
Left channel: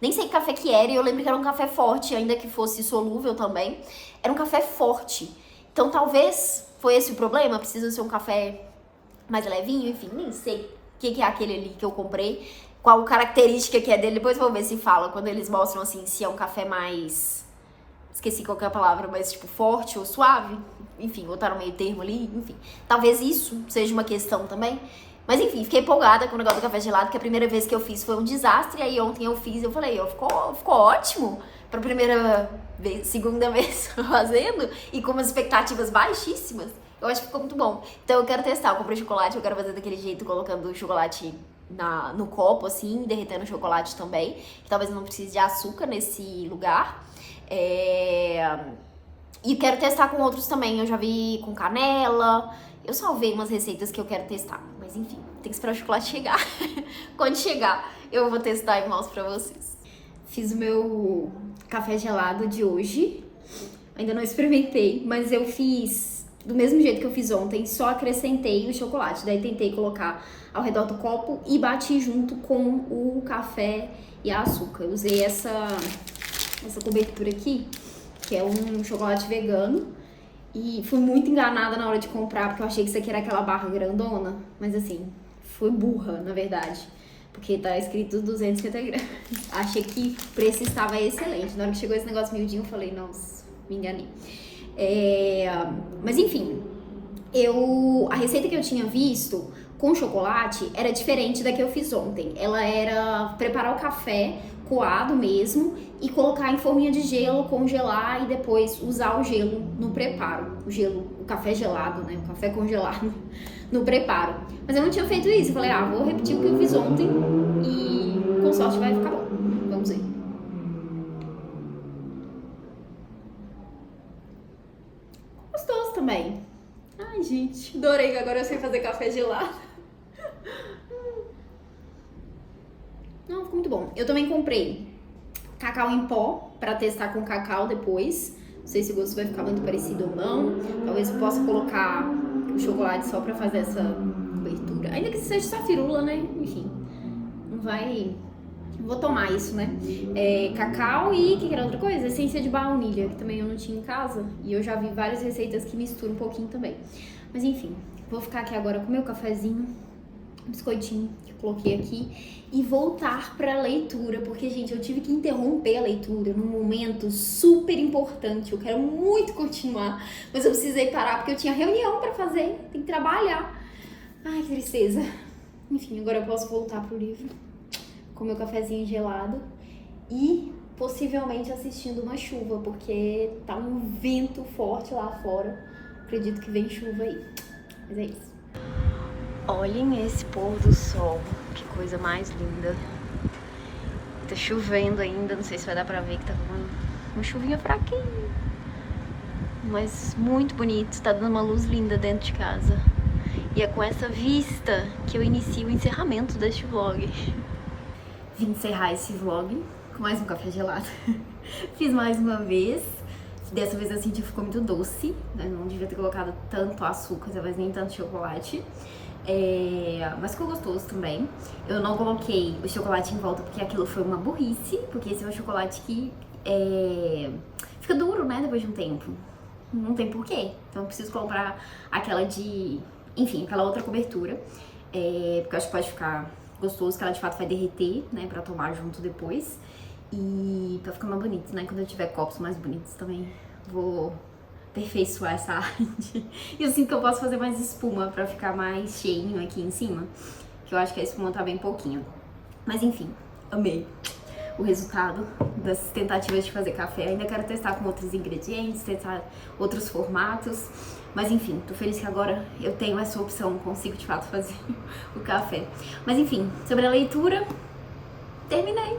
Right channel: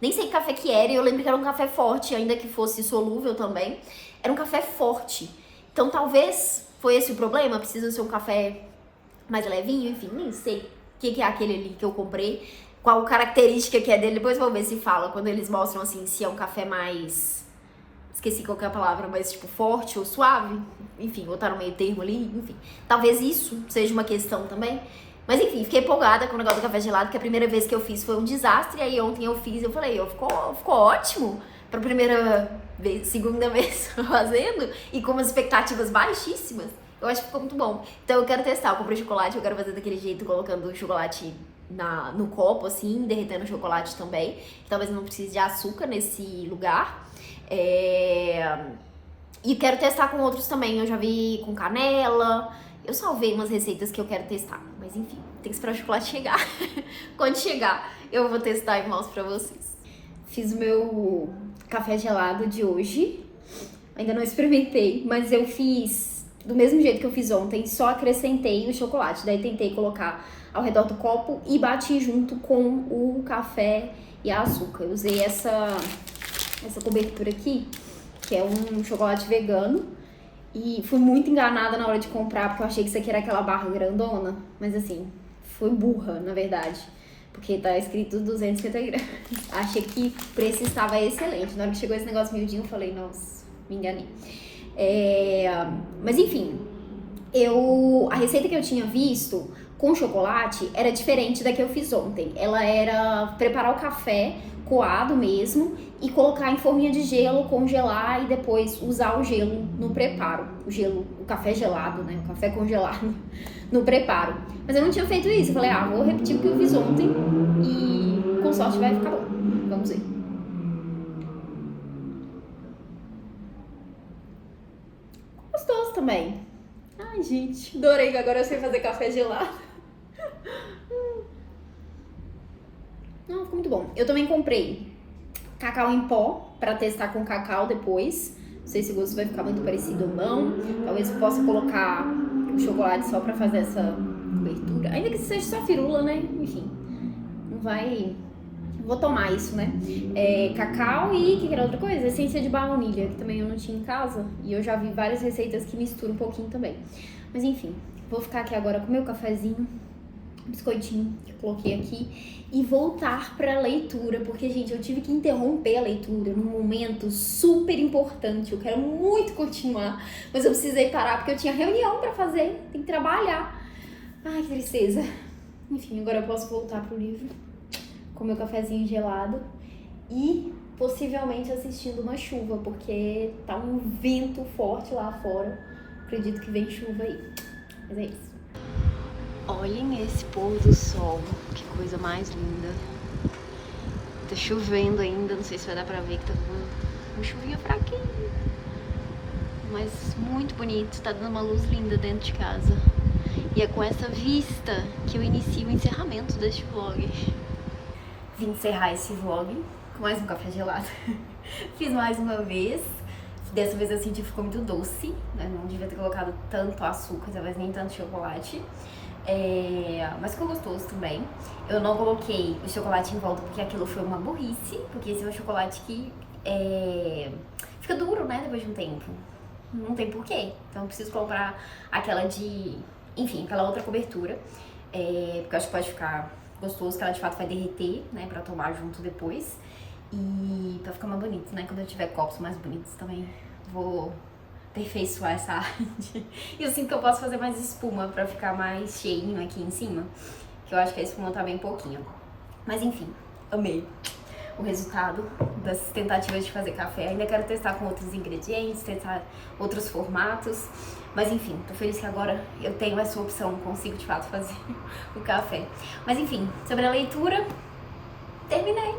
Nem sei que café que era, e eu lembro que era um café forte, ainda que fosse solúvel também. Era um café forte. Então talvez foi esse o problema, precisa ser um café mais levinho, enfim, nem sei o que é aquele ali que eu comprei, qual característica que é dele, depois vou ver se fala, quando eles mostram assim, se é um café mais, esqueci qual que é a palavra, mas tipo forte ou suave, enfim, ou tá no meio termo ali, enfim, talvez isso seja uma questão também. Mas enfim, fiquei empolgada com o negócio do café gelado, que a primeira vez que eu fiz foi um desastre, e aí ontem eu fiz, eu falei, ficou ótimo, pra primeira vez, segunda vez fazendo, e com umas expectativas baixíssimas, eu acho que ficou muito bom. Então eu quero testar, eu comprei chocolate, eu quero fazer daquele jeito, colocando o chocolate no copo, assim, derretendo o chocolate também. Talvez não precise de açúcar nesse lugar. E quero testar com outros também, eu já vi com canela. Eu salvei umas receitas que eu quero testar, mas enfim, tem que esperar o chocolate chegar. Quando chegar, eu vou testar e mostro pra vocês. Fiz o meu café gelado de hoje. Ainda não experimentei, mas eu fiz do mesmo jeito que eu fiz ontem, só acrescentei o chocolate. Daí tentei colocar ao redor do copo e bati junto com o café e a açúcar. Eu usei essa cobertura aqui, que é um chocolate vegano. E fui muito enganada na hora de comprar, porque eu achei que isso aqui era aquela barra grandona. Mas assim, fui burra, na verdade. Porque tá escrito 250 gramas. Achei que o preço estava excelente. Na hora que chegou esse negócio miudinho, eu falei, nossa, me enganei. Mas enfim, a receita que eu tinha visto com chocolate era diferente da que eu fiz ontem. Ela era preparar o café coado mesmo e colocar em forminha de gelo, congelar e depois usar o gelo no preparo. O café gelado, né? O café congelado no preparo. Mas eu não tinha feito isso. Eu falei, vou repetir o que eu fiz ontem e com sorte vai ficar bom. Vamos ver. Gostoso também. Ai, gente, adorei que agora eu sei fazer café gelado. Não, ficou muito bom. Eu também comprei cacau em pó pra testar com cacau depois. Não sei se o gosto vai ficar muito parecido ou não. Talvez eu possa colocar o chocolate só pra fazer essa cobertura. Ainda que seja só firula, né? Enfim, não vai... Vou tomar isso, né? Cacau e, que era outra coisa? Essência de baunilha, que também eu não tinha em casa. E eu já vi várias receitas que misturam um pouquinho também. Mas enfim, vou ficar aqui agora com meu cafezinho, um biscoitinho que eu coloquei aqui, e voltar pra leitura, porque, gente, eu tive que interromper a leitura num momento super importante. Eu quero muito continuar, mas eu precisei parar porque eu tinha reunião pra fazer, tem que trabalhar. Ai, que tristeza. Enfim, agora eu posso voltar pro livro, com meu cafezinho gelado e possivelmente assistindo uma chuva, porque tá um vento forte lá fora. Acredito que vem chuva aí. Mas é isso. Olhem esse pôr do sol, que coisa mais linda. Tá chovendo ainda, não sei se vai dar pra ver que tá uma chuvinha fraquinha. Mas muito bonito, tá dando uma luz linda dentro de casa. E é com essa vista que eu inicio o encerramento deste vlog. Vim encerrar esse vlog com mais um café gelado. Fiz mais uma vez. Dessa vez eu senti que ficou muito doce, né? Não devia ter colocado tanto açúcar, talvez nem tanto chocolate. Mas ficou gostoso também. Eu não coloquei o chocolate em volta porque aquilo foi uma burrice, porque esse é um chocolate que fica duro, né, depois de um tempo. Não tem porquê. Então eu preciso comprar aquela de... Enfim, aquela outra cobertura, porque eu acho que pode ficar gostoso, que ela de fato vai derreter, né, pra tomar junto depois. E pra ficar mais bonito, né, quando eu tiver copos mais bonitos também vou aperfeiçoar essa arte. E eu sinto que eu posso fazer mais espuma pra ficar mais cheinho aqui em cima, que eu acho que a espuma tá bem pouquinho. Mas enfim, amei o resultado das tentativas de fazer café. Ainda quero testar com outros ingredientes, testar outros formatos. Mas enfim, tô feliz que agora eu tenho essa opção, consigo de fato fazer o café. Mas enfim, sobre a leitura, terminei.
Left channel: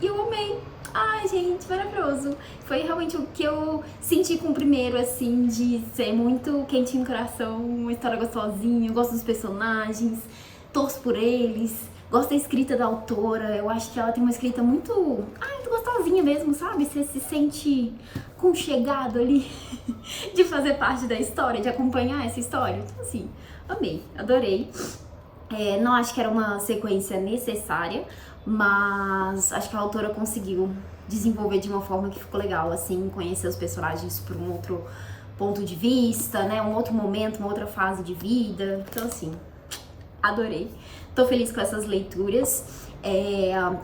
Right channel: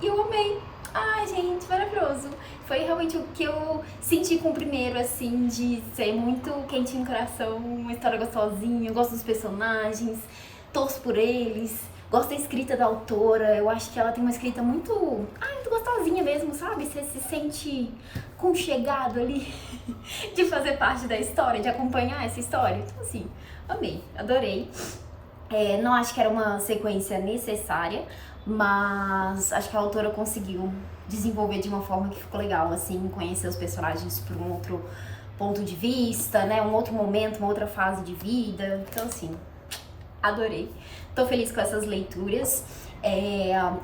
E eu amei. Ai, gente, maravilhoso. Foi realmente o que eu senti com o primeiro, assim, de ser muito quentinho no coração, uma história gostosinha, eu gosto dos personagens, torço por eles, gosto da escrita da autora, eu acho que ela tem uma escrita muito gostosinha mesmo, sabe? Você se sente aconchegado ali de fazer parte da história, de acompanhar essa história. Então, assim, amei, adorei. Não acho que era uma sequência necessária, mas acho que a autora conseguiu desenvolver de uma forma que ficou legal, assim, conhecer os personagens por um outro ponto de vista, né, um outro momento, uma outra fase de vida. Então, assim, adorei. Tô feliz com essas leituras.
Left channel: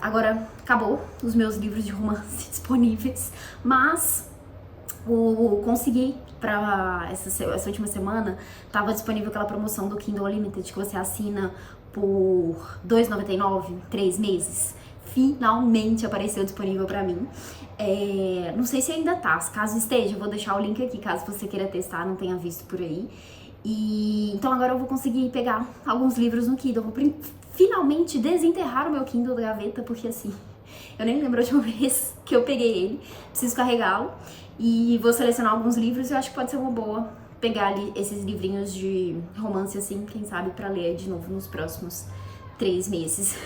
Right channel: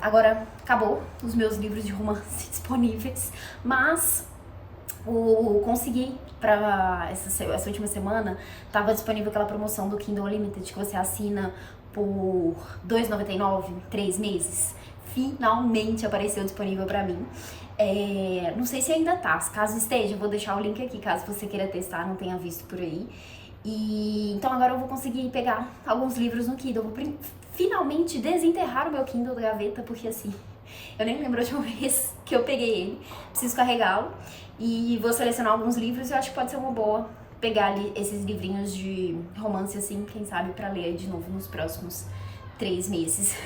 Agora acabou os meus livros de romance disponíveis, mas consegui pra essa última semana, tava disponível aquela promoção do Kindle Unlimited que você assina por R$ 2,99, 3 meses. Finalmente apareceu disponível pra mim. Não sei se ainda tá, caso esteja, eu vou deixar o link aqui, caso você queira testar, não tenha visto por aí. Então agora eu vou conseguir pegar alguns livros no Kindle. Eu vou finalmente desenterrar o meu Kindle da gaveta, porque assim, eu nem lembro de uma vez que eu peguei ele. Preciso carregá-lo e vou selecionar alguns livros e eu acho que pode ser uma boa pegar ali esses livrinhos de romance, assim, quem sabe, pra ler de novo nos próximos 3 meses,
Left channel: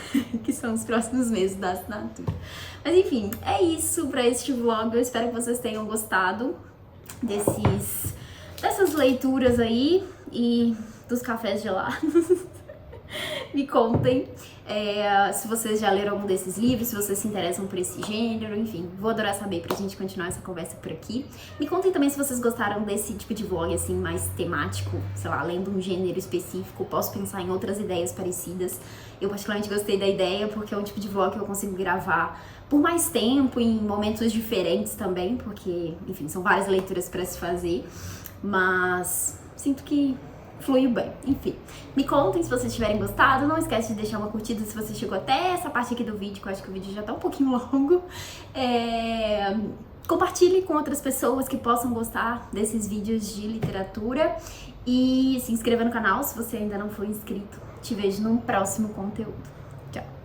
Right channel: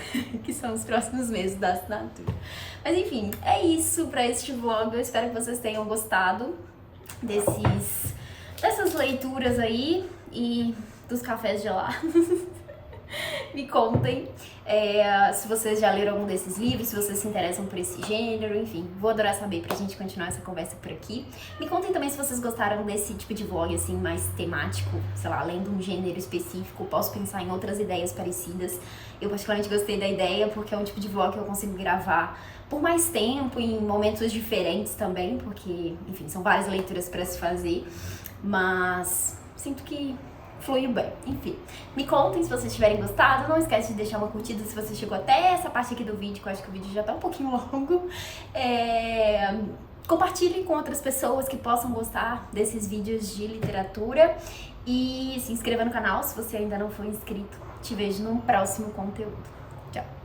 que são os próximos meses da assinatura. Mas enfim, é isso pra este vlog. Eu espero que vocês tenham gostado dessas leituras aí e dos cafés gelados. Me contem se vocês já leram algum desses livros, se vocês se interessam por esse gênero, enfim, vou adorar saber pra gente continuar essa conversa por aqui. Me contem também se vocês gostaram desse tipo de vlog, assim, mais temático, sei lá, lendo um gênero específico, posso pensar em outras ideias parecidas. Eu particularmente gostei da ideia porque é um tipo de vlog que eu consigo gravar por mais tempo, em momentos diferentes também, porque, enfim, são várias leituras pra se fazer, mas sinto que fluiu bem. Enfim, me contem se vocês tiverem gostado. Não esquece de deixar uma curtida se você chegou até essa parte aqui do vídeo, que eu acho que o vídeo já tá um pouquinho longo. Compartilhe com outras pessoas que possam gostar desses vídeos de literatura. E se inscreva no canal se você ainda não for inscrito. Te vejo num próximo conteúdo. Tchau!